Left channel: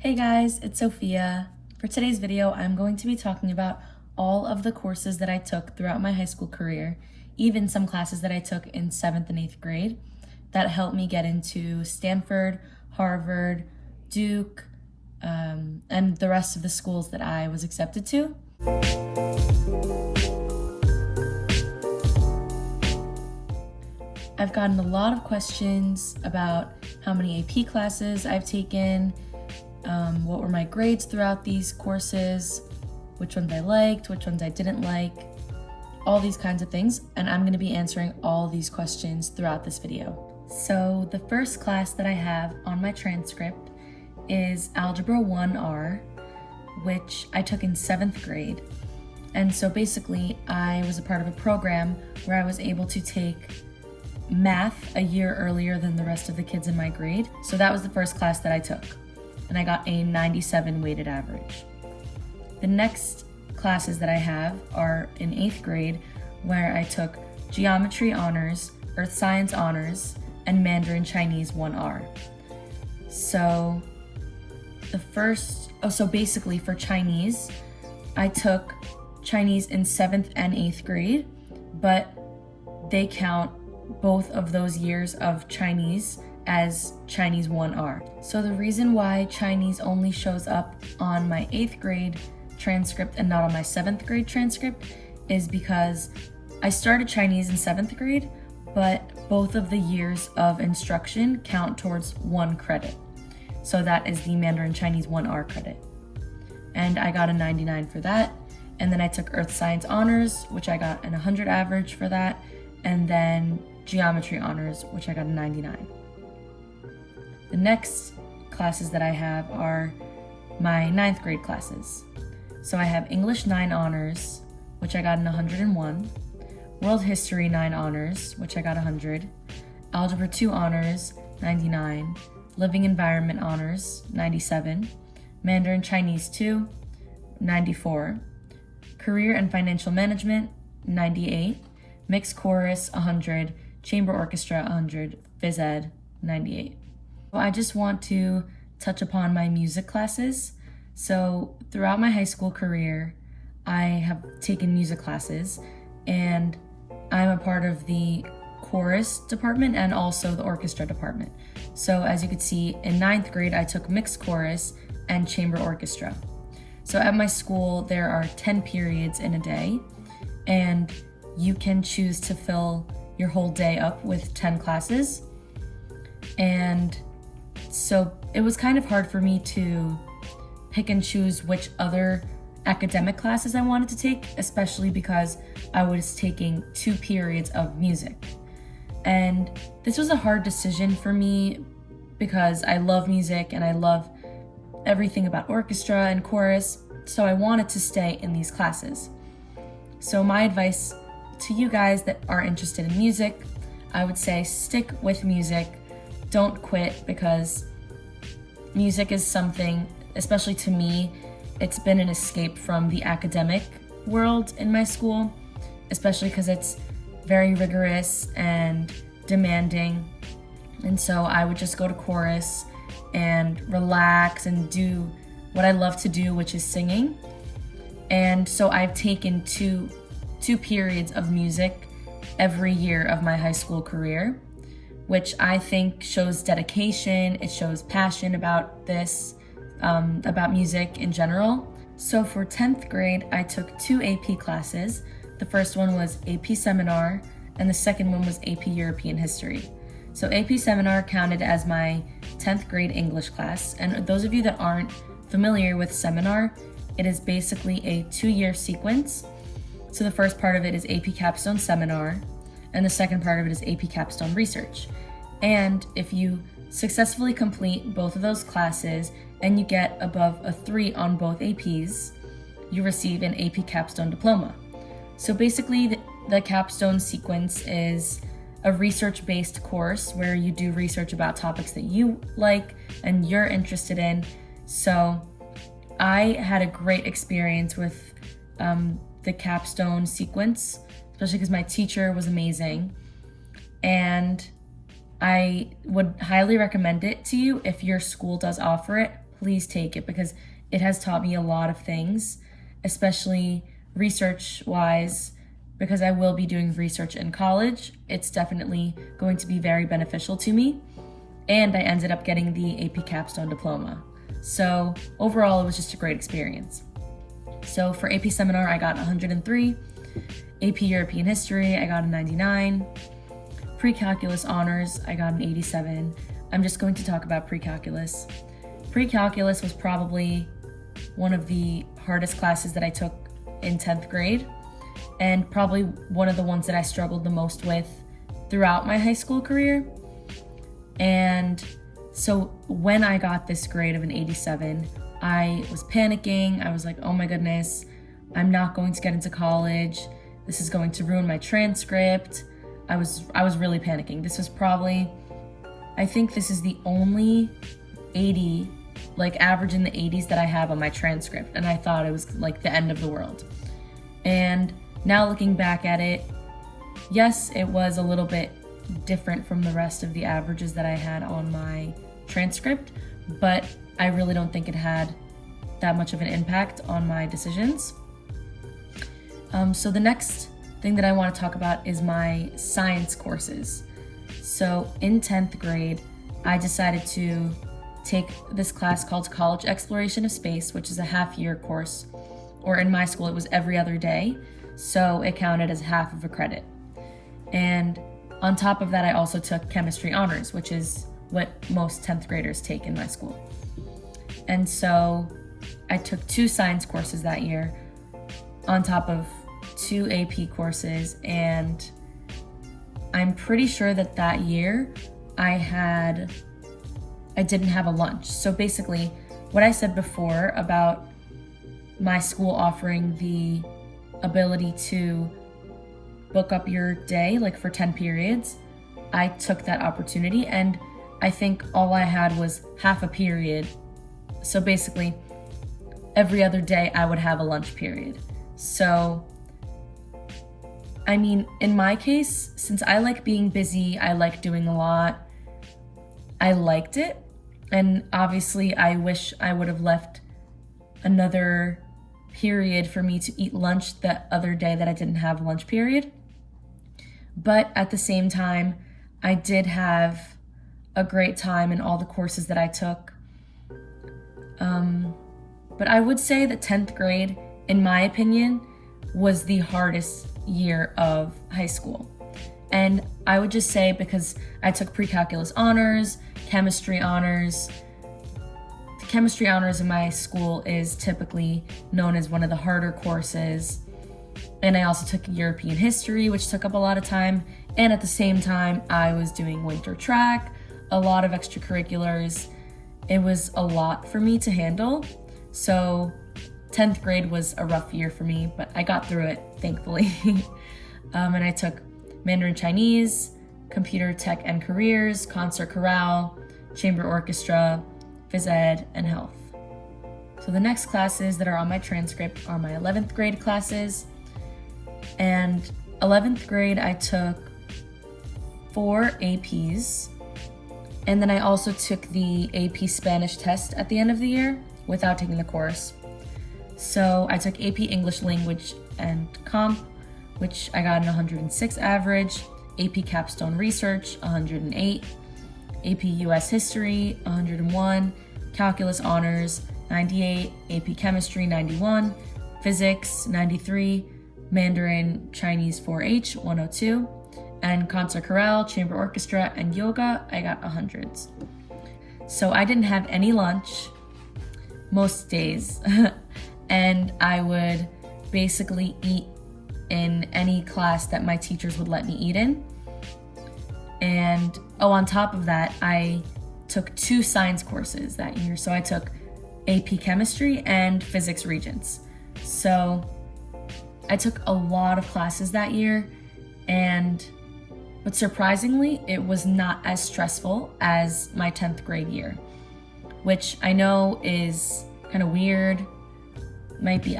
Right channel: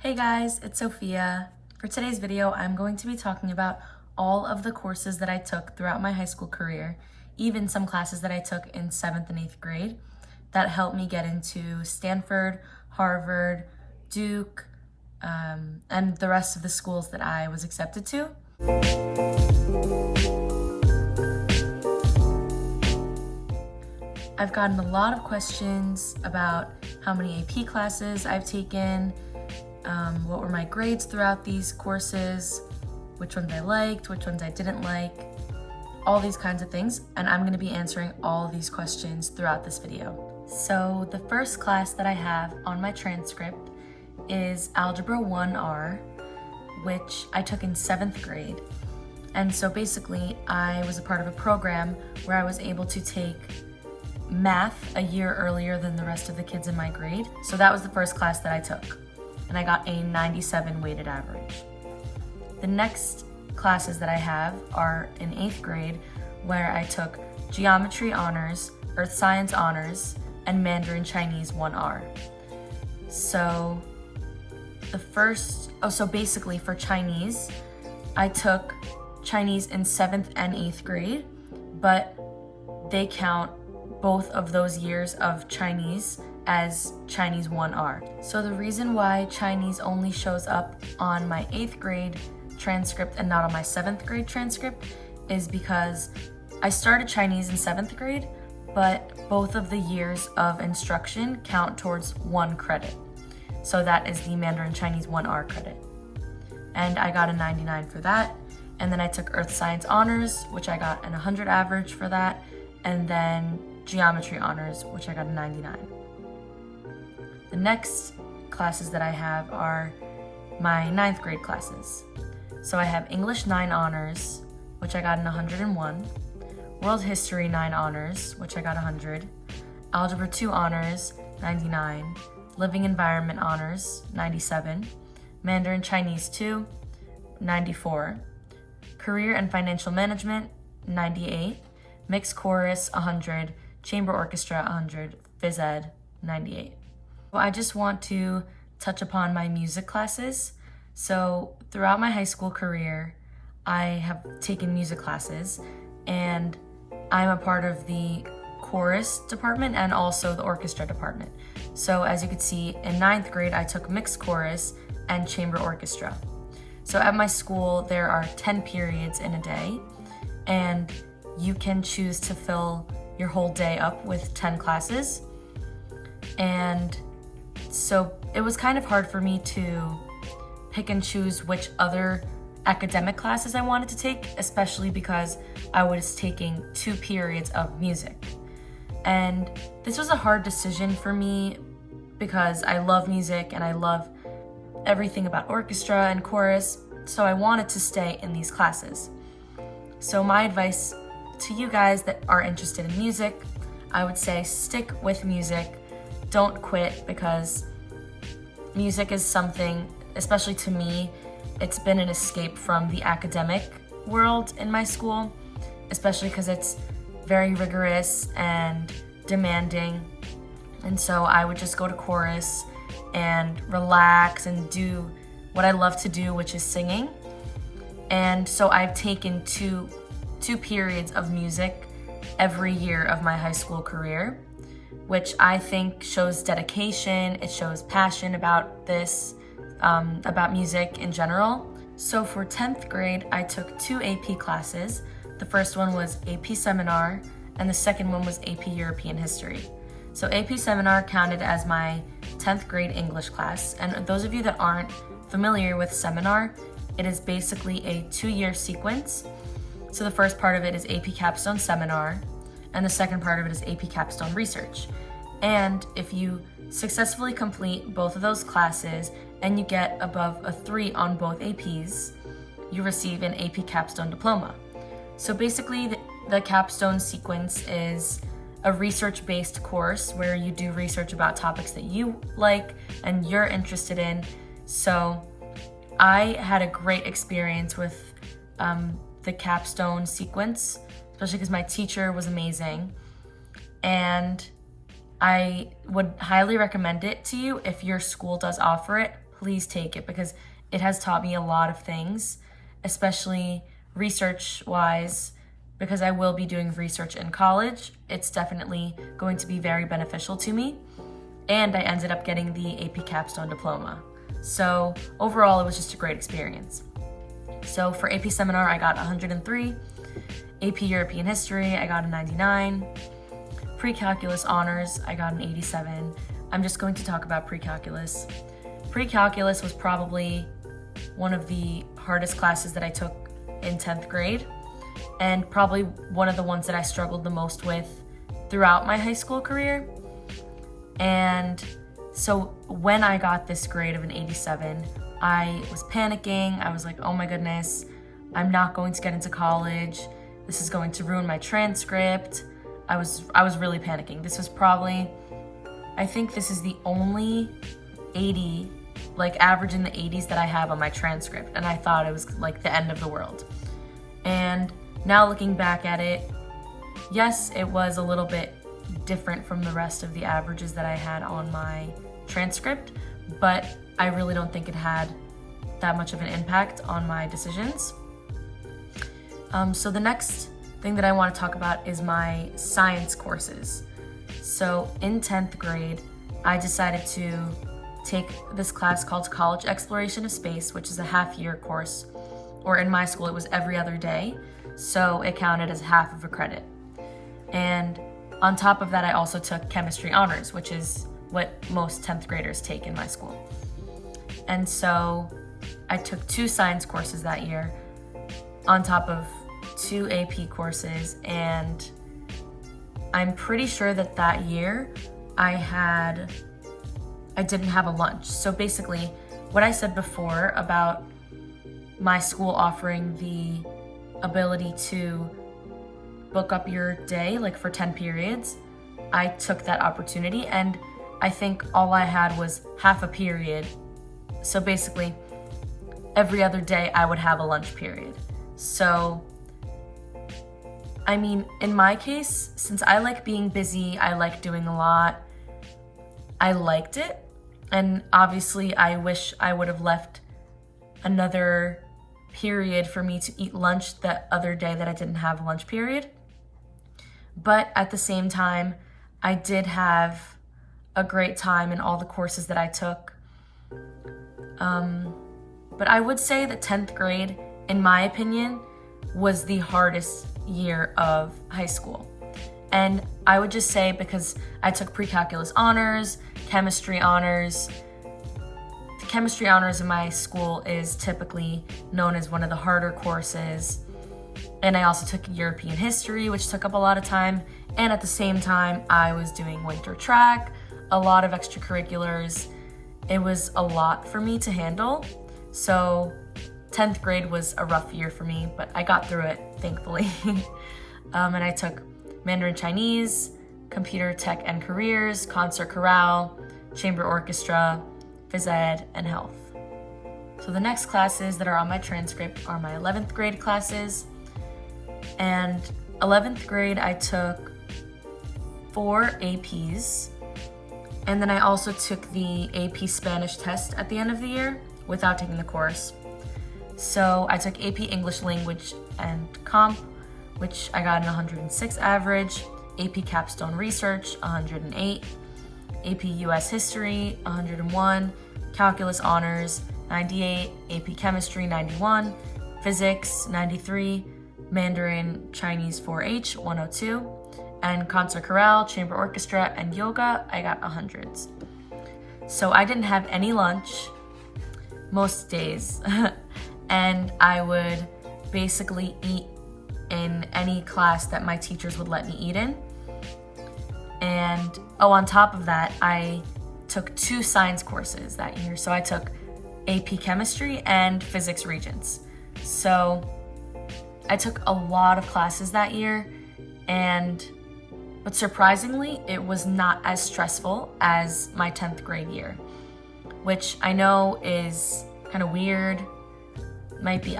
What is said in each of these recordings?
Hey guys, it's Sophia. For today's video, I'm going to be talking about all of the courses that I took throughout my high school career, even some classes that I took in 7th and 8th grade that helped me get into Stanford, Harvard, Duke, and the rest of the schools that I was accepted to. I've gotten a lot of questions about how many AP classes I've taken, what were my grades throughout these courses, which ones I liked, which ones I didn't like, all these kinds of things, and I'm going to be answering all of these questions throughout this video. So the first class that I have on my transcript is Algebra 1R, which I took in 7th grade. And so basically I was a part of a program where I was able to take math a year earlier than the rest of the kids in my grade. So that was the first class that I took, and I got a 97 weighted average. The next classes that I have are in 8th grade, where I took Geometry Honors, Earth Science Honors, and Mandarin Chinese 1R. So basically for Chinese, I took Chinese in 7th and 8th grade, but they count both of those years of Chinese as Chinese 1R. So the reason why Chinese only shows up on my 8th grade transcript and not on my 7th grade transcript is because I started Chinese in 7th grade, but both of the years of instruction count towards 1 credit. So that is the Mandarin Chinese 1R credit. And I got a 99 for that. And then I took Earth Science Honors, which I got an 100 average for that. And then Geometry Honors, which I got a 99. The next classes that I have are my 9th grade classes. So I have English 9 Honors, which I got an 101, World History 9 Honors, which I got 100, Algebra 2 Honors, 99, Living Environment Honors, 97, Mandarin Chinese 2, 94, Career and Financial Management, 98, Mixed Chorus, 100, Chamber Orchestra, 100, Phys Ed, 98. I just want to touch upon my music classes. So throughout my high school career, I have taken music classes, and I'm a part of the chorus department and also the orchestra department. So as you can see, in 9th grade, I took mixed chorus and chamber orchestra. So at my school, there are 10 periods in a day, and you can choose to fill your whole day up with 10 classes. And so it was kind of hard for me to pick and choose which other academic classes I wanted to take, especially because I was taking 2 periods of music. And this was a hard decision for me because I love music and I love everything about orchestra and chorus, so I wanted to stay in these classes. So my advice to you guys that are interested in music, I would say stick with music. Don't quit, because music is something, especially to me, it's been an escape from the academic world in my school, especially because it's very rigorous and demanding. And so I would just go to chorus and relax and do what I love to do, which is singing. And so I've taken two periods of music every year of my high school career, which I think shows dedication, it shows passion about this, about music in general. So for 10th grade, I took 2 AP classes. The first one was AP Seminar, and the second one was AP European History. So AP Seminar counted as my 10th grade English class, and those of you that aren't familiar with Seminar, it is basically a 2-year sequence. So the first part of it is AP Capstone Seminar, and the second part of it is AP Capstone Research. And if you successfully complete both of those classes and you get above a 3 on both APs, you receive an AP Capstone Diploma. So basically the capstone sequence is a research-based course where you do research about topics that you like and you're interested in. So I had a great experience with the capstone sequence, especially because my teacher was amazing. And I would highly recommend it to you if your school does offer it. please take it because it has taught me a lot of things, especially research-wise, because I will be doing research in college. It's definitely going to be very beneficial to me. And I ended up getting the AP Capstone Diploma. So overall, it was just a great experience. So for AP Seminar, I got 103. AP European History, I got a 99. Pre-Calculus Honors, I got an 87. I'm just going to talk about Pre-Calculus. Pre-Calculus was probably one of the hardest classes that I took in 10th grade, and probably one of the ones that I struggled the most with throughout my high school career. And so when I got this grade of an 87, I was panicking. I was like, oh my goodness, I'm not going to get into college. This is going to ruin my transcript. I was really panicking. This was probably, I think this is the only 80, like average in the 80s that I have on my transcript. And I thought it was like the end of the world. And now looking back at it, yes, it was a little bit different from the rest of the averages that I had on my transcript, but I really don't think it had that much of an impact on my decisions. So the next thing that I want to talk about is my science courses. So in 10th grade, I decided to take this class called College Exploration of Space, which is a half-year course, or in my school, it was every other day. So it counted as half of a credit. And on top of that, I also took Chemistry Honors, which is what most 10th graders take in my school. And so I took 2 science courses that year on top of 2 AP courses, and I'm pretty sure that that year I didn't have a lunch. So basically, what I said before about my school offering the ability to book up your day like for 10 periods, I took that opportunity, and I think all I had was half a period. So basically, every other day I would have a lunch period. So, I mean, in my case, since I like being busy, I like doing a lot, I liked it. And obviously, I wish I would have left another period for me to eat lunch the other day that I didn't have a lunch period. But at the same time, I did have a great time in all the courses that I took. But I would say that 10th grade, in my opinion, was the hardest year of high school. And I would just say because I took Pre-Calculus Honors, Chemistry Honors. The Chemistry Honors in my school is typically known as one of the harder courses. And I also took European History, which took up a lot of time. And at the same time, I was doing winter track, a lot of extracurriculars. It was a lot for me to handle. So 10th grade was a rough year for me, but I got through it, thankfully. And I took Mandarin Chinese, Computer Tech and Careers, Concert Chorale, Chamber Orchestra, Phys Ed, and Health. So the next classes that are on my transcript are my 11th grade classes. And 11th grade, I took 4 APs. And then I also took the AP Spanish test at the end of the year without taking the course. So I took AP English Language and Comp, which I got an 106 average, AP Capstone Research, 108, AP US History, 101, Calculus Honors, 98, AP Chemistry, 91, Physics, 93, Mandarin Chinese 4H, 102, and Concert Chorale, Chamber Orchestra, and Yoga, I got 100s. So I didn't have any lunch most days, and I would basically eat in any class that my teachers would let me eat in. And on top of that, I took 2 science courses that year. So I took AP Chemistry and Physics Regents. So I took a lot of classes that year, but surprisingly, it was not as stressful as my 10th grade year, which I know is kind of weird. Maybe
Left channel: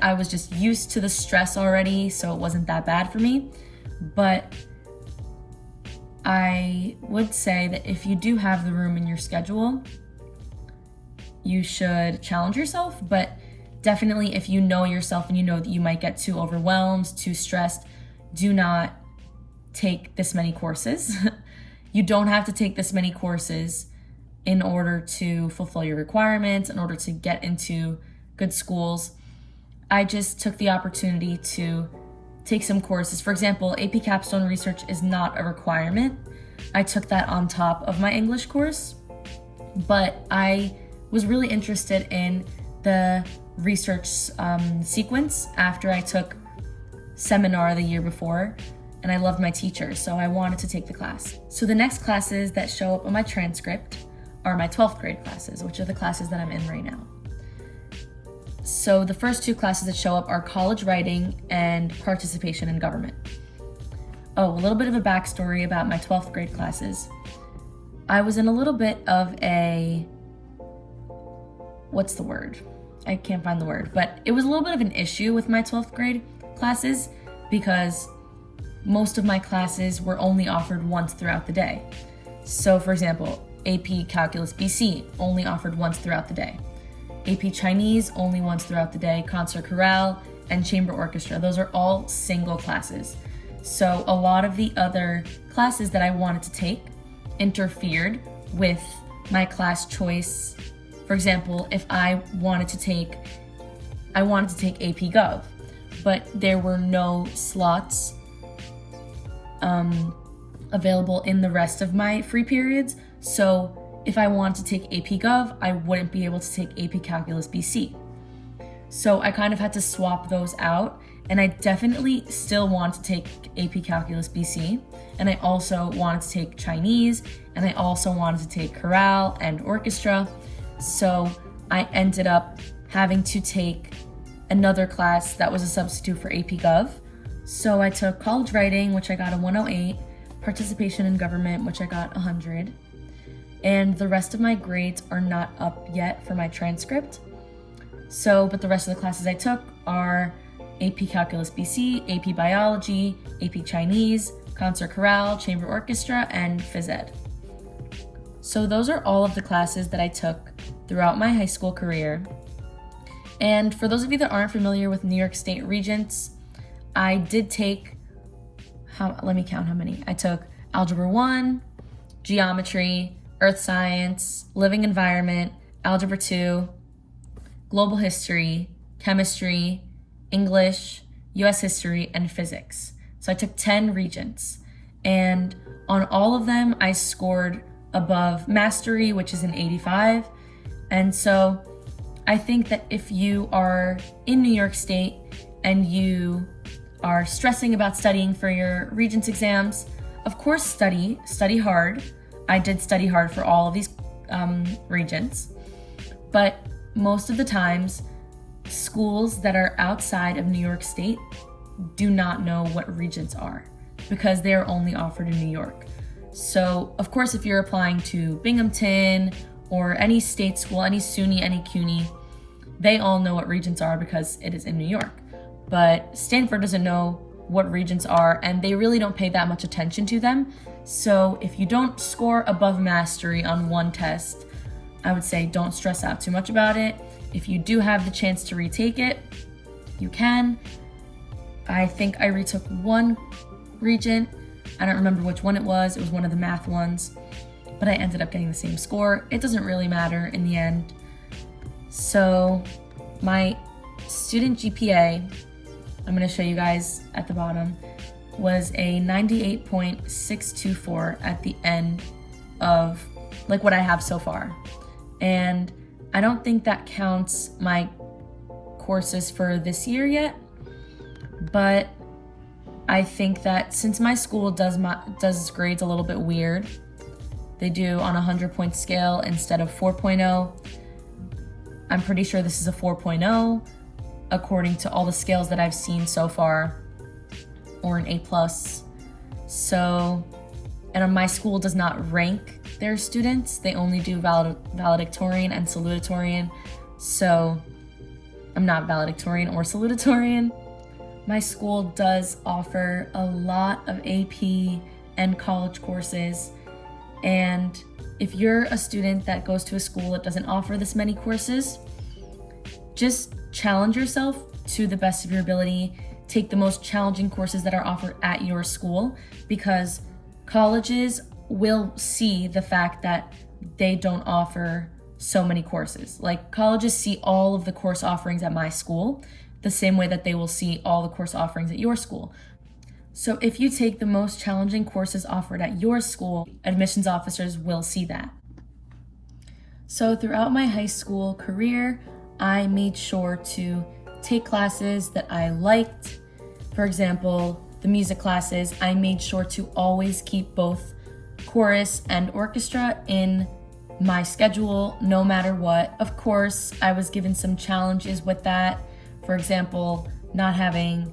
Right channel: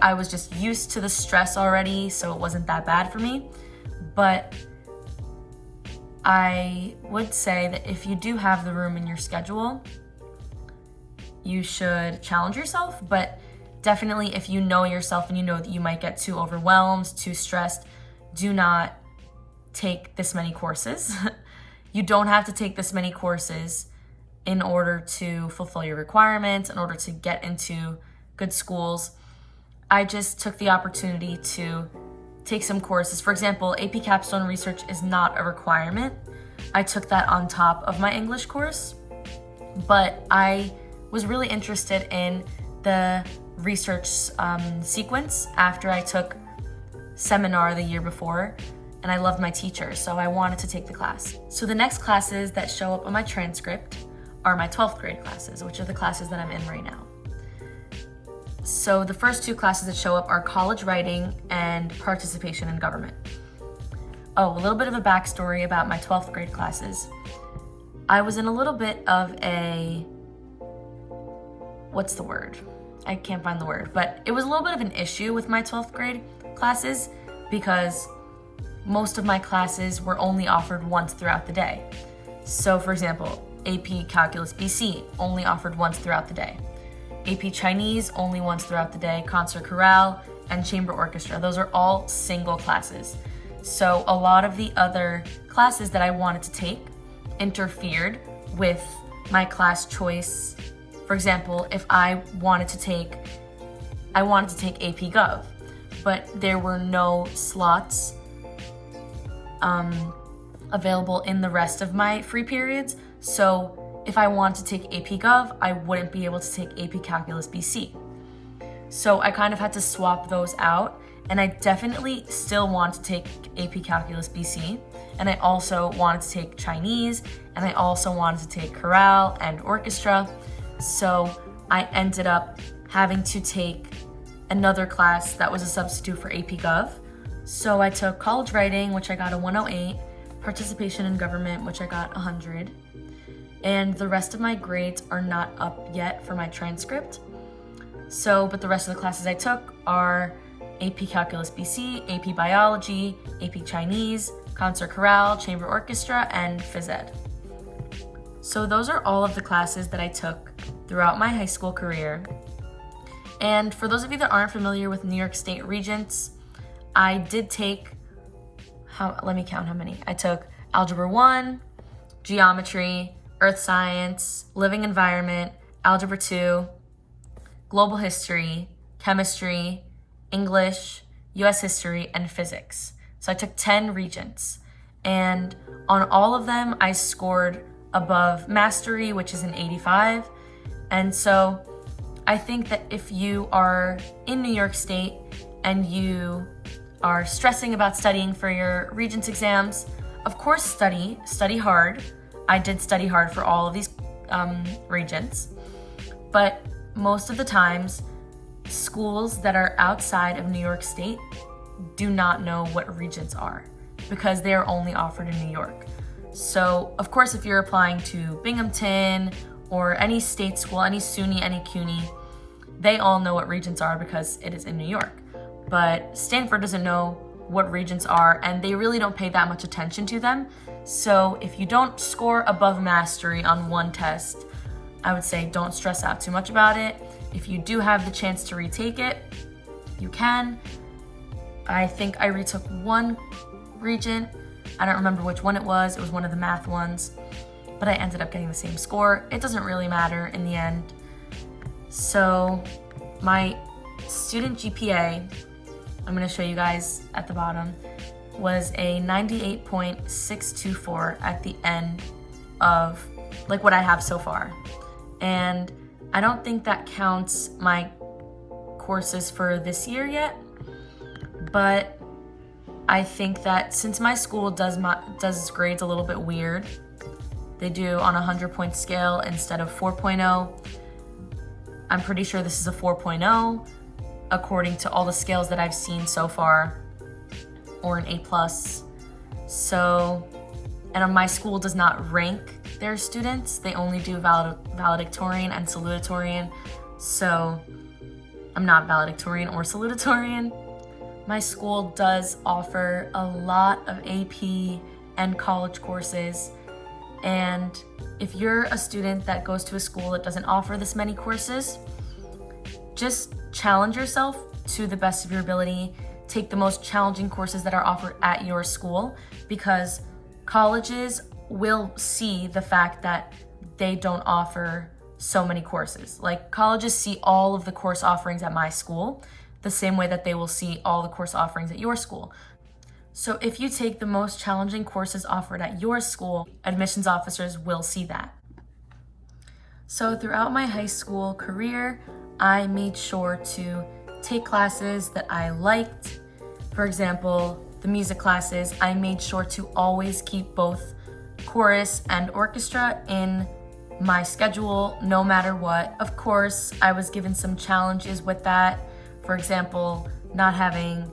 I was just used to the stress already, so it wasn't that bad for me. But I would say that if you do have the room in your schedule, you should challenge yourself, but definitely if you know yourself and you know that you might get too overwhelmed, too stressed, do not take this many courses. You don't have to take this many courses in order to fulfill your requirements, in order to get into good schools. I just took the opportunity to take some courses. For example, AP Capstone Research is not a requirement. I took that on top of my English course, but I was really interested in the research sequence after I took seminar the year before, and I loved my teacher, so I wanted to take the class. So the next classes that show up on my transcript are my 12th grade classes, which are the classes that I'm in right now. So the first two classes that show up are college writing and participation in government. Oh, a little bit of a backstory about my 12th grade classes. I was in a little bit of a, what's the word? I can't find the word, but it was a little bit of an issue with my 12th grade classes because most of my classes were only offered once throughout the day. So for example, AP Calculus BC only offered once throughout the day. AP Chinese only once throughout the day, concert chorale, and chamber orchestra. Those are all single classes. So a lot of the other classes that I wanted to take interfered with my class choice. For example, if I wanted to take AP Gov, but there were no slots available in the rest of my free periods. So if I wanted to take AP Gov, I wouldn't be able to take AP Calculus BC. So I kind of had to swap those out, and I definitely still want to take AP Calculus BC, and I also wanted to take Chinese, and I also wanted to take chorale and orchestra. So I ended up having to take another class that was a substitute for AP Gov. So I took college writing, which I got a 108, participation in government, which I got 100. And the rest of my grades are not up yet for my transcript. So, but the rest of the classes I took are AP Calculus BC, AP Biology, AP Chinese, concert chorale, chamber orchestra, and phys ed. So those are all of the classes that I took throughout my high school career. And for those of you that aren't familiar with New York State Regents, I did take, let me count how many. I took Algebra 1, Geometry, Earth Science, Living Environment, Algebra 2, Global History, Chemistry, English, US History, and Physics. So I took 10 Regents. And on all of them, I scored above Mastery, which is an 85. And so I think that if you are in New York State and you are stressing about studying for your Regents exams, of course study hard. I did study hard for all of these Regents, but most of the times, schools that are outside of New York State do not know what Regents are because they are only offered in New York. So of course, if you're applying to Binghamton or any state school, any SUNY, any CUNY, they all know what Regents are because it is in New York. But Stanford doesn't know what Regents are, and they really don't pay that much attention to them. So if you don't score above Mastery on one test, I would say don't stress out too much about it. If you do have the chance to retake it, you can. I think I retook one Regent. I don't remember which one it was. It was one of the math ones, but I ended up getting the same score. It doesn't really matter in the end. So my student GPA, I'm going to show you guys at the bottom, was a 98.624 at the end of like what I have so far. And I don't think that counts my courses for this year yet, but I think that since my school does grades a little bit weird, they do on a 100-point scale instead of 4.0. I'm pretty sure this is a 4.0 according to all the scales that I've seen so far, or an A+. So, and my school does not rank their students. They only do valedictorian and salutatorian. So I'm not valedictorian or salutatorian. My school does offer a lot of AP and college courses, and if you're a student that goes to a school that doesn't offer this many courses, just challenge yourself to the best of your ability. Take the most challenging courses that are offered at your school, because colleges will see the fact that they don't offer so many courses. Like, colleges see all of the course offerings at my school the same way that they will see all the course offerings at your school. So if you take the most challenging courses offered at your school, admissions officers will see that. So throughout my high school career, I made sure to take classes that I liked. For example, the music classes, I made sure to always keep both chorus and orchestra in my schedule, no matter what. Of course, I was given some challenges with that. For example, not having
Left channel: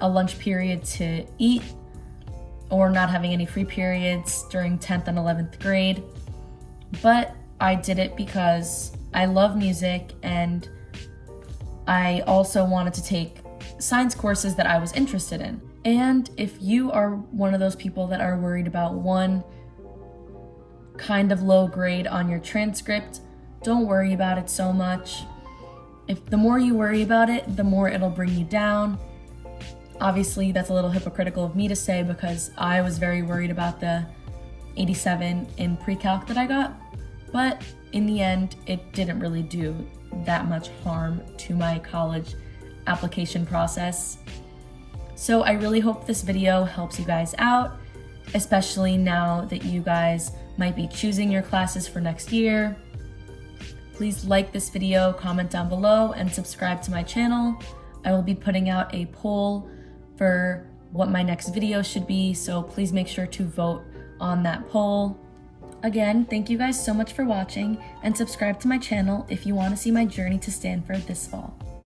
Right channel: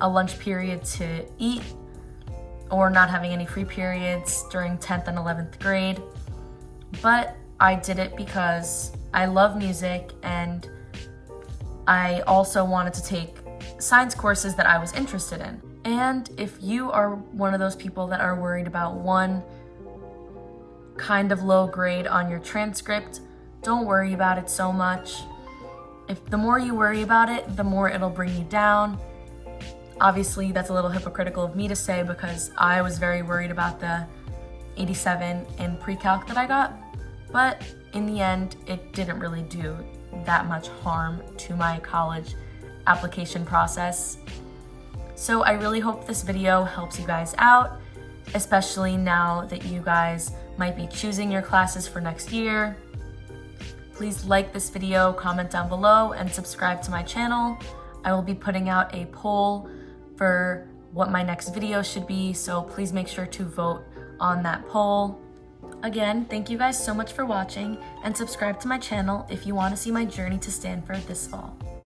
a lunch period to eat, or not having any free periods during 10th and 11th grade. But I did it because I love music, and I also wanted to take science courses that I was interested in. And if you are one of those people that are worried about one kind of low grade on your transcript, don't worry about it so much. If the more you worry about it, the more it'll bring you down. Obviously, that's a little hypocritical of me to say, because I was very worried about the 87 in pre-calc that I got, but in the end, it didn't really do that much harm to my college application process. So I really hope this video helps you guys out, especially now that you guys might be choosing your classes for next year. Please like this video, comment down below, and subscribe to my channel. I will be putting out a poll for what my next video should be, so please make sure to vote on that poll. Again, thank you guys so much for watching, and subscribe to my channel if you want to see my journey to Stanford this fall.